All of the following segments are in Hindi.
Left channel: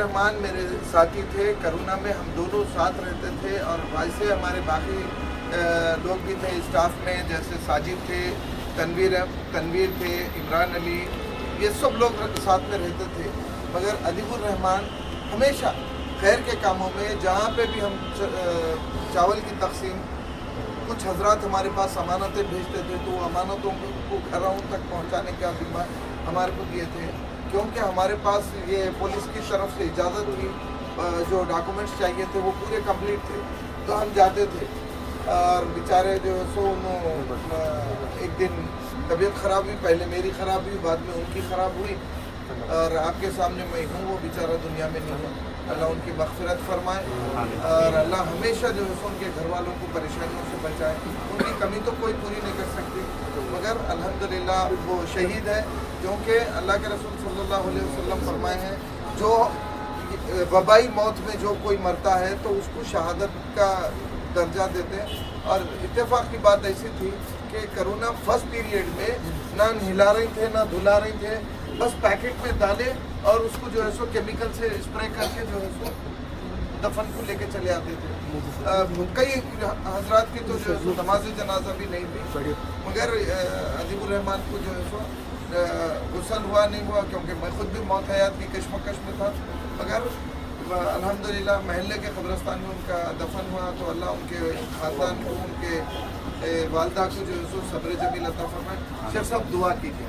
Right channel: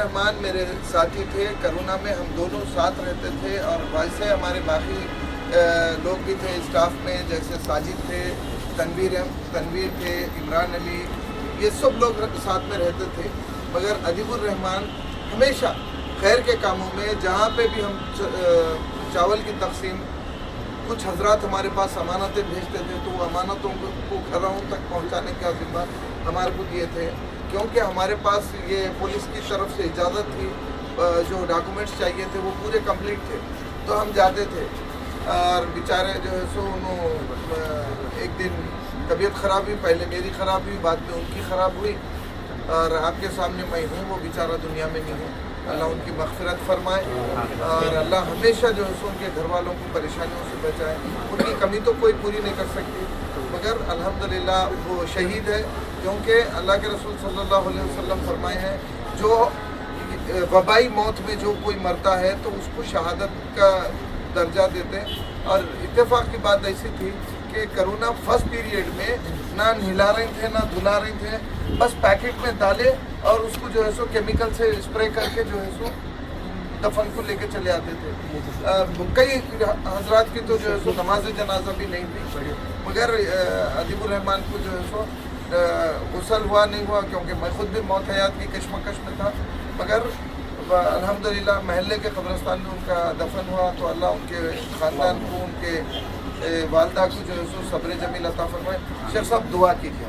रहमान मेरे साथी थे, करोना में हम दोनों साथ रहते थे और वैसे हमारे बाकी लोग भी थे स्टाफ में, जैसे साजिद थे, तनवीर थे, इमरान अली, ये सब लोग साथ में रहते थे। मगर अदीबुर रहमान हमेशा खैर के कामों में, जहाँ पे भी हम चावल की तकसीम, कुछ हजरात हमारे पास अमानतें भेजते थे तो वो अमानतों को घरों तक पहुँचाने का जिम्मा हमारे को दिए थे, क्योंकि हमारे पास ये पुलिस की तरफ से इजाज़त थी, जो डॉक्यूमेंट्स चाहिए थे वो पूरे कंप्लीट थे, तो हम जाते थे। और बेचारे जो है सो उन्होंने एक दिन तबीयत ख़राब हुई, पहले मेरी ख़राब हुई, बाद में उनकी ख़राब हुई, और आपके सामने मैं हूँ, वो बेचारा दुनिया में नहीं है। अल्लाह उनकी मग़फ़िरत फरमाए और अल्लाह हमेशा जो है सो उनके घर वालों को परेशानियों से बचाए। उनकी कमी तो कोई पूरी नहीं कर सकती, मगर अल्हम्दुलिल्लाह वो शहीद है, क्योंकि अल्लाह के रसूल सल्लल्लाहु अलैहि वसल्लम फरमाए हैं, जो वबाई मौत में जो कोई मरता है तो उसको शहादत का दर्जा देते हैं। और इत्तेफाक की बात ऐसी थी कि कोरोना फर्स्ट पीरियड में ना नहला रहे थे ना धुला रहे थे, बस पैकेट में डाले और उसको जो है सो केमिकल से स्प्रे करके जो है सो दफन को लेके चले आते थे। कई हजरात की तो जो है सो नमाज जनाजा भी नहीं हुई, मगर अदीबुर रहमान को जो है सो गुस्ल हुआ नहीं हुआ, क्योंकि मैं खुद भी मौत हयात की कश्मकश में था, मगर अल्हम्दुलिल्लाह महल्ले के कब्रिस्तान में उनका दफन हुआ। तो अल्लाह उनके ख़ानदान को, उनके वालदा को जो है सो सब्र जमील अता फरमाए। शेख साहब दुआ कीजिए।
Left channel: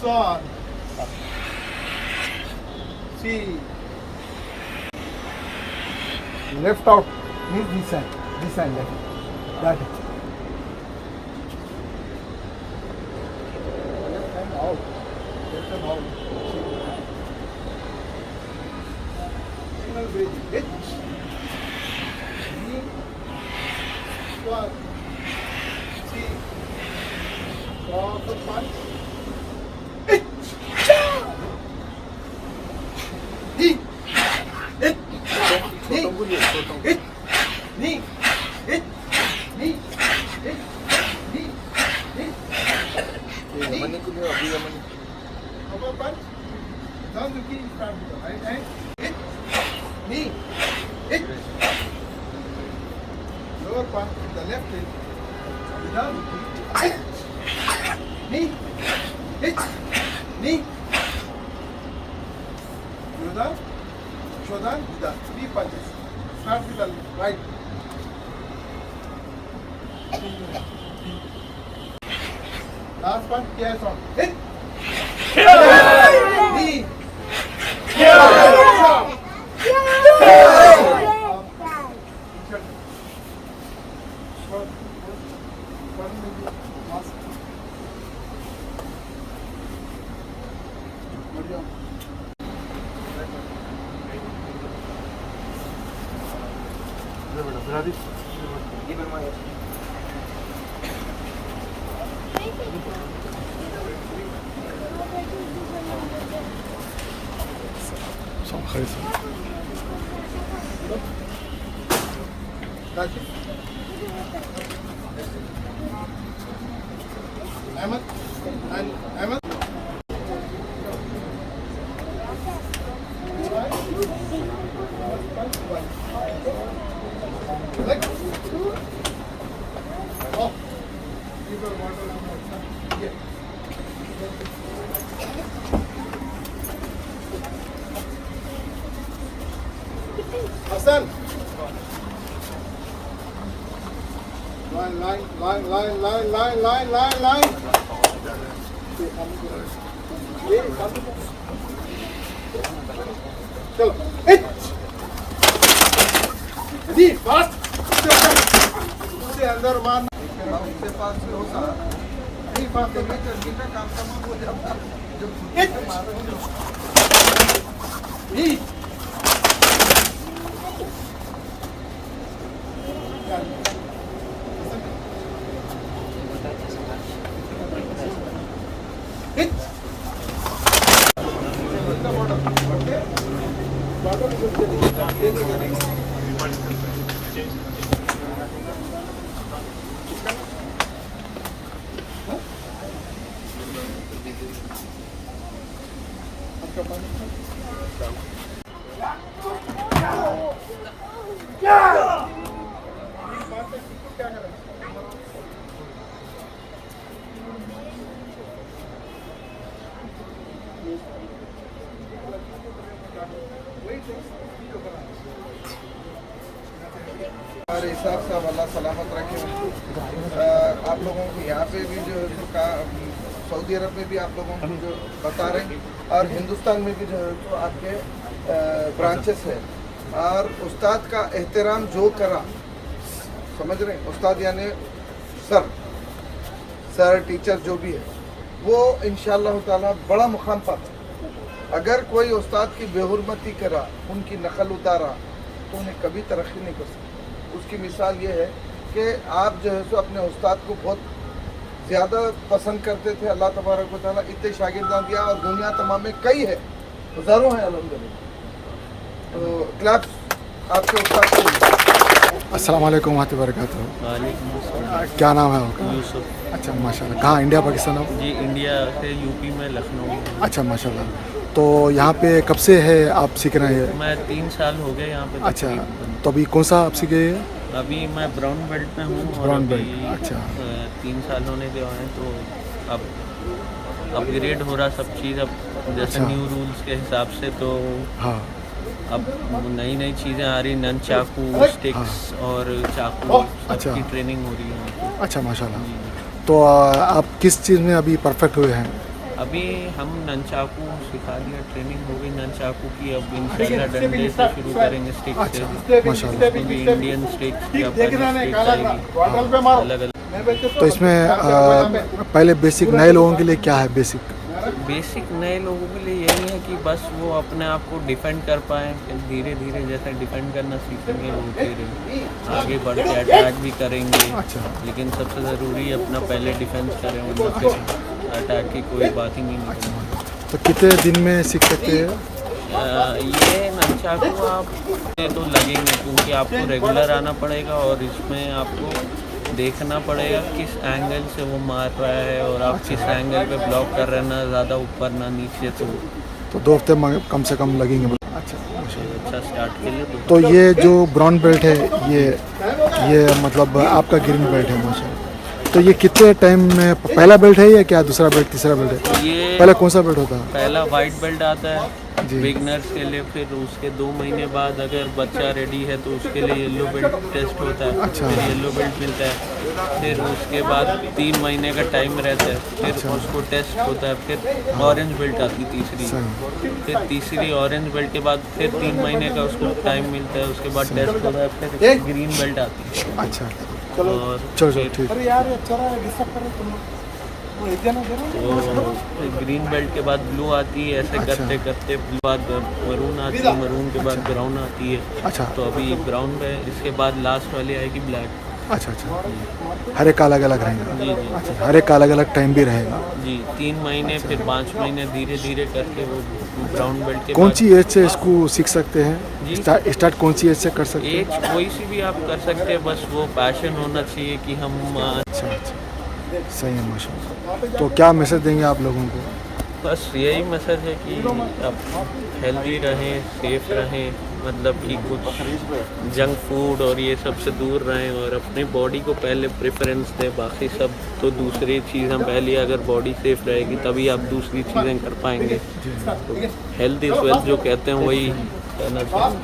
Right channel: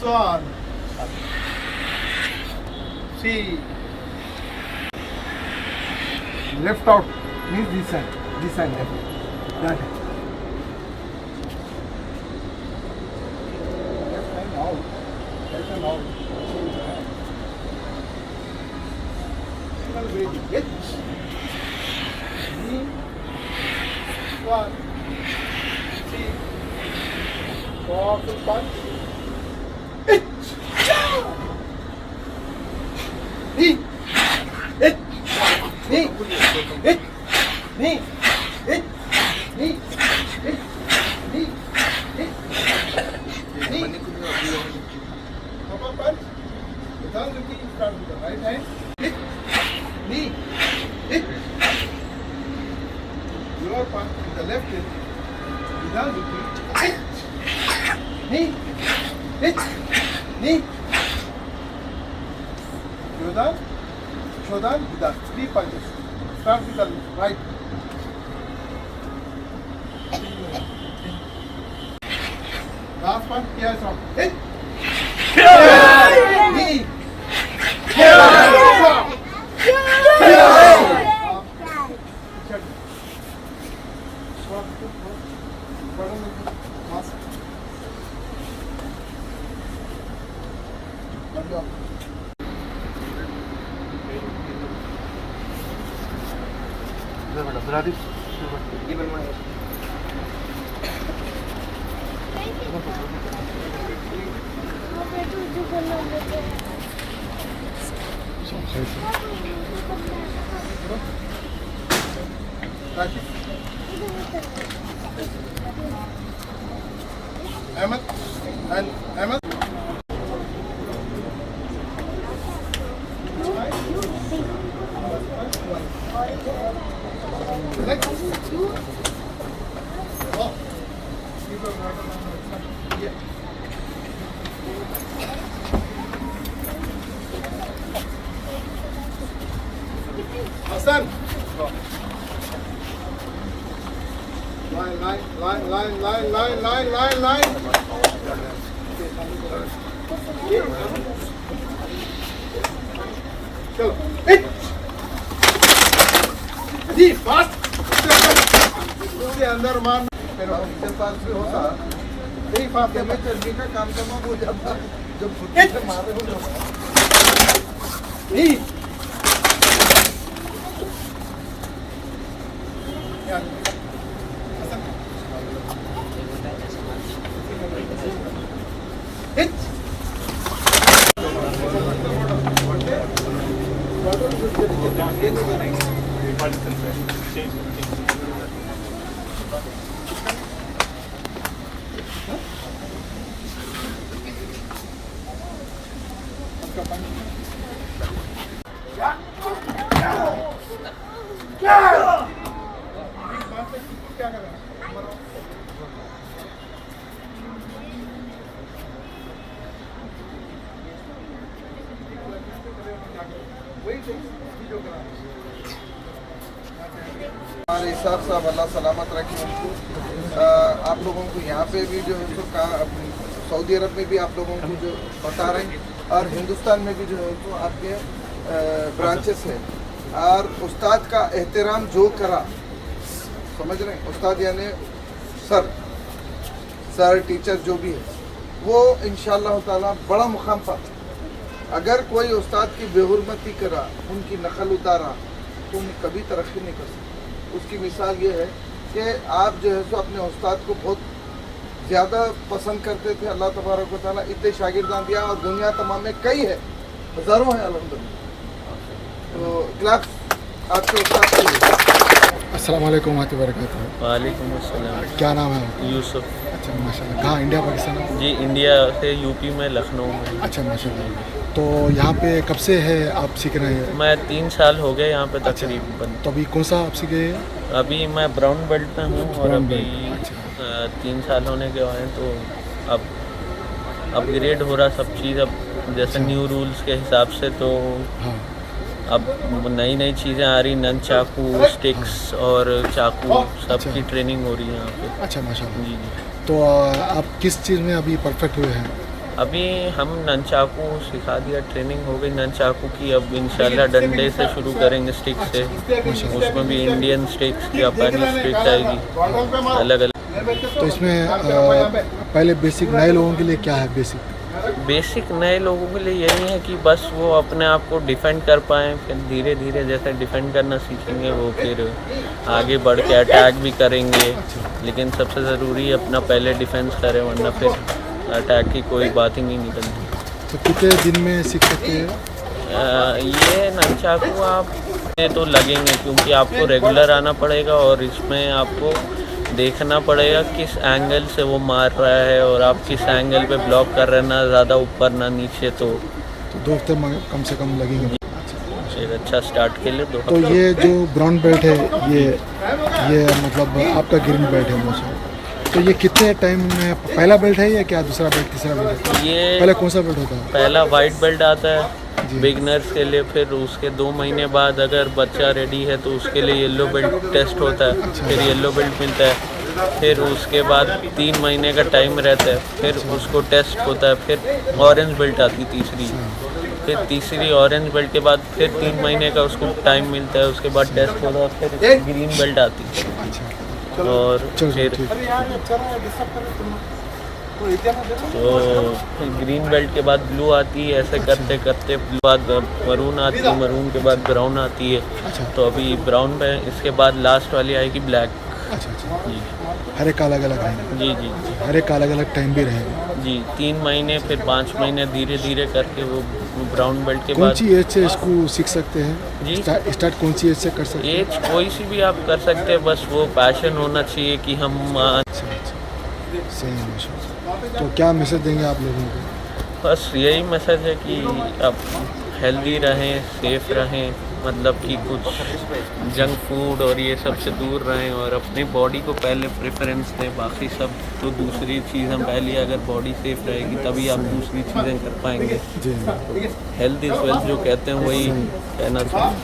Son, see, left out means this side left, that is. Out, welcome out. Hit, knee, one, see, powerful punch. Right hand, hit, knee, hit, lower punch in the left hand, without the knee, hit, knee, hit, knee, Shodan, Vidal, 3 punches. Start with the right. Last one, here song. Hit! Knee! Rashid. Ahmed and Ahmed. Next. Oh. Yeah. Hassan. Line. Go. Hit. Ji fast से अंदर मान फिर हमसे पास भी होता नहीं फास्ट मैं चलने का काम करना हो जाता जब छुट्टी से मारे हो नहीं हिट हमारे हिसाब साहब अल्लाह सलामत रखे उनको। आप लोगों को यहाँ पे भी जो है तो सऊदी अरब में भी आप लोगों को जो बता रहे हैं और हिंदुस्तान में भी जो है तो आपके ब्रांचेस है और उस्ताद का एहतराम जो करा, समझ रहे हैं, उस्ताद यानी सर टीचर जो भी है वो इंशाअल्लाह ताला बड़ा मुकाम पाता। अगर कोई उस्ताद की बेहुरमती करा, उनकी नकल उतारा तो उन्हें कभी तरक्की नहीं कर सकता। उसकी मिसाल ये है कि आप जो है सो अपने उस्ताद को बहुत ज़्यादा पसंद करते थे, अल्लाह तबारक व तआला इतने शागिर्दान दिया और दुनिया तमाम में कई है, हज़ारों हैं अल्हम्दुलिल्लाह। तो क्लास आपके उस्ताद के लिए। अस्सलाम वालेकुम वरहमतुल्लाहि वबरकातुहू। वालेकुम अस्सलाम। क्या नाम है आपका? यूसुफ। अच्छा माशाल्लाह। कहाँ, इंडिया पाकिस्तान हो? जी इंडिया से यूपी में लखनऊ में। अच्छा माशाल्लाह। तो यहाँ पे कब से है आप सीख रहे हैं? मैं 3 साल हो गए यहाँ पे अच्छा, तकरीबन। तो अभी कौन सा आप सीखे हैं? अभी मैं ब्राउन बेल्ट में हूँ और ब्राउन अभी बेल्ट, अच्छा। 3 साल होने के बाद हैं तो अब अपग्रेड हो रहा सब चीज़। अब जैसे अच्छा। न्यू रूल्स के हिसाब से तो हाँ अब नई चीज़ें आ रही, नन चाकू, स्टिक्स और चाकू सब की ट्रेनिंग हो रही है यहाँ पे। अच्छा माशाल्लाह। जी जी। तो आप किस चीज़ में अभी परफेक्ट हुए हैं? अभी हम ननचाकू सिखा दिया, ट्रेनिंग हो गई ननचाकू की। अब इंशाल्लाह डंडे से शुरू करेंगे, स्टिक से। माशाल्लाह। उसमें भी इंडियन स्टिक्स, जापानी स्टिक्स आएगी अलग अलग। तो इसमें पहले बेसिक नए लोगों के लिए क्या है? बेसिक नए लोगों के लिए यही है कि बस वो अपने आप को डिफेंड कर पाएँ, फिर धीरे धीरे जैसे डिफेंड करना सीखेंगे वो फिर आगे बढ़ के अटैक भी करेंगे। लेकिन सबसे ज़रूरी अपना पहले डिफेंस करें, वरना फिर अटैक की कोई बात ही नहीं निकलनी। तो कितने दिन में सीख सकते हैं? ये ननचाकू आप ये तो लगेंगे क्योंकि आपको रेगुलर आना पड़ेगा और इसमें आपको देखना पड़ेगा किस एंगल से वो मार रहा है और आप किस एंगल पे ब्लॉक कर रहे हैं, ना ज़्यादा ऊपर ना नीचे। तो 2 हफ्ते कम से कम लगेंगे। अच्छा। एक अच्छा स्टार्ट के लिए 2 तो ये जो ब्राउन बेल्ट है ये मतलब आपका ग्रीन बेल्ट है माशाल्लाह। तो ये कितने टाइम में पहला बेल्ट है या क्या दूसरा बेल्ट तीसरा बेल्ट है? ये पहले कौन सा बेल्ट होता है? पहला वाइट बेल्ट आता है बिगनर्स के लिए, फिर उसके 2 महीने बाद अगर बच्चा रेडी है तो उसके लिए येलो बेल्ट टेस्ट होता है। अच्छा। फिर येलो बेल्ट मिलता है, फिर उसके बाद 3 महीने का टाइम रहता है, फिर उसको टेस्ट होता है, फिर ऑरेंज बेल्ट आती तीसरी, फिर तीसरी ऑरेंज बेल्ट के बाद फिर 3 महीने का उसको टाइम मिलता है, उसके बाद टेस्ट होता है, फिर ग्रीन बेल्ट आती है। अच्छा। और चलो फिर ठीक। तो ग्रीन बेल्ट के बाद ब्लू आती है, ऐसे करते करते ब्लू बाद मरून आती है, मरून के बाद ब्राउन आती है। अच्छा। तो अभी ब्राउन पे इसके बाद लास्ट वाली आएगी ब्लैक। अच्छा। जी। हर एक अलग अलग रहेगा? जी जी हर एक अलग अलग टाइम भी रहेगा? जी 3 महीने फिर 5 महीने धीरे धीरे करके वो ब्राउन बेल्ट के कौन बाद। सी एज से इसको सीख सकते हैं? जी। स्टार्ट कौन सी एज से कर सकते हैं? एज कोई सी भी आप कर सकते हैं, बस वो पैशन होना चाहिए कि हम अच्छा अच्छा, सही है माशाल्लाह। तो क्या मैसेज देंगे आप लोगों को? बस यही मैसेज है कि आप हेल्दी रहें, सेफ रहें, मतलब कि कुछ जंक फूड और ये सब से दूर रहें और अपनी बॉडी को पहले प्रेफरेंस दें। बाकी सब तो दूसरी चीज़, हम पहले अगर बॉडी सेफ रहेगी तभी आप दूसरी चीज़ें कर पाएंगे। जी तो हेल्थ इज़ वेल्थ जो कहते हैं वही कहना चाहिए।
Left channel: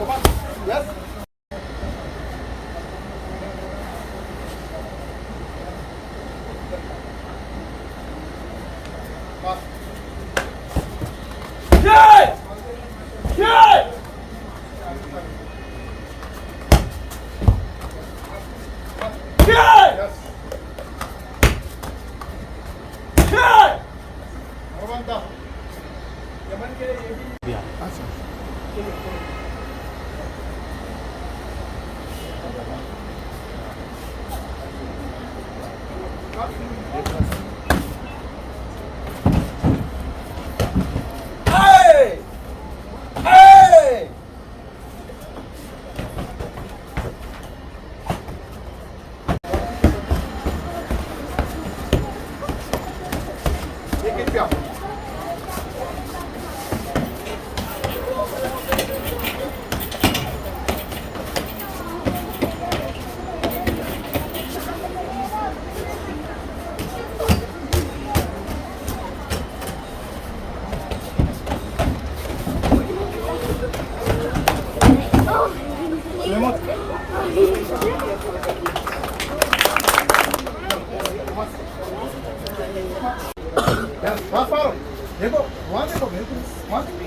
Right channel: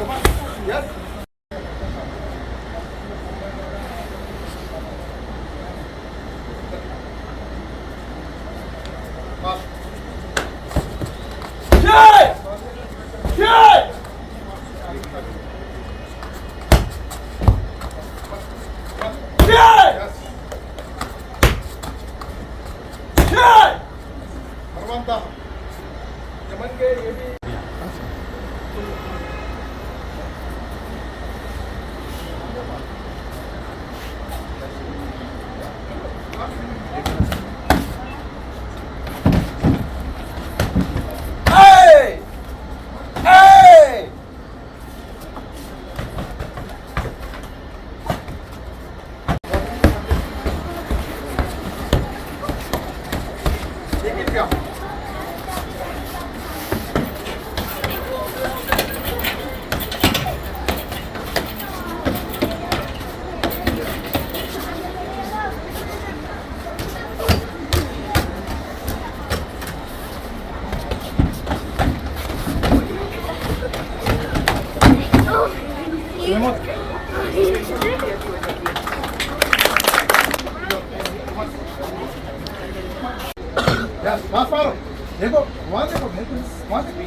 Yes, fast forward. देखो वहाँ देखो बिल्कुल वहाँ देखो.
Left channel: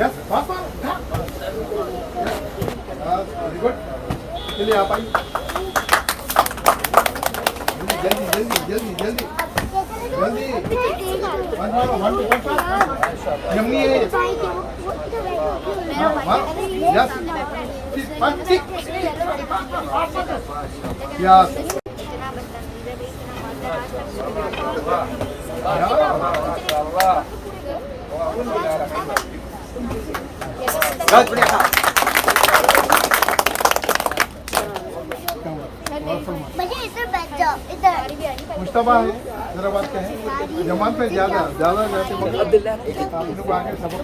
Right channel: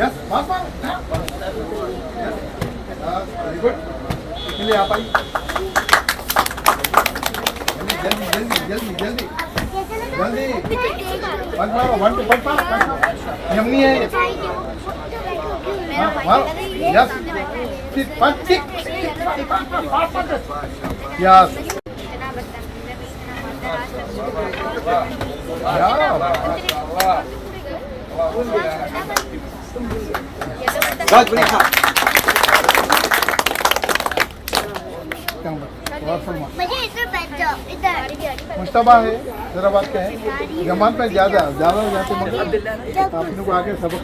Yes, fast forward. Yes, very good. चलिए आप आइए. जल्दी जल्दी जल्दी जल्दी जल्दी. पंच मारो 1 2 5 यम्मी है ये. हाँ मारो. Yes. पंच टिक. Yes. मुश्तबा है जरा बात कहें जमात में ज्यादा आगे सबक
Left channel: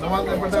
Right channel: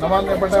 जमात में बड़ा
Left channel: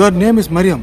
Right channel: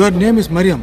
Your name is Mariam.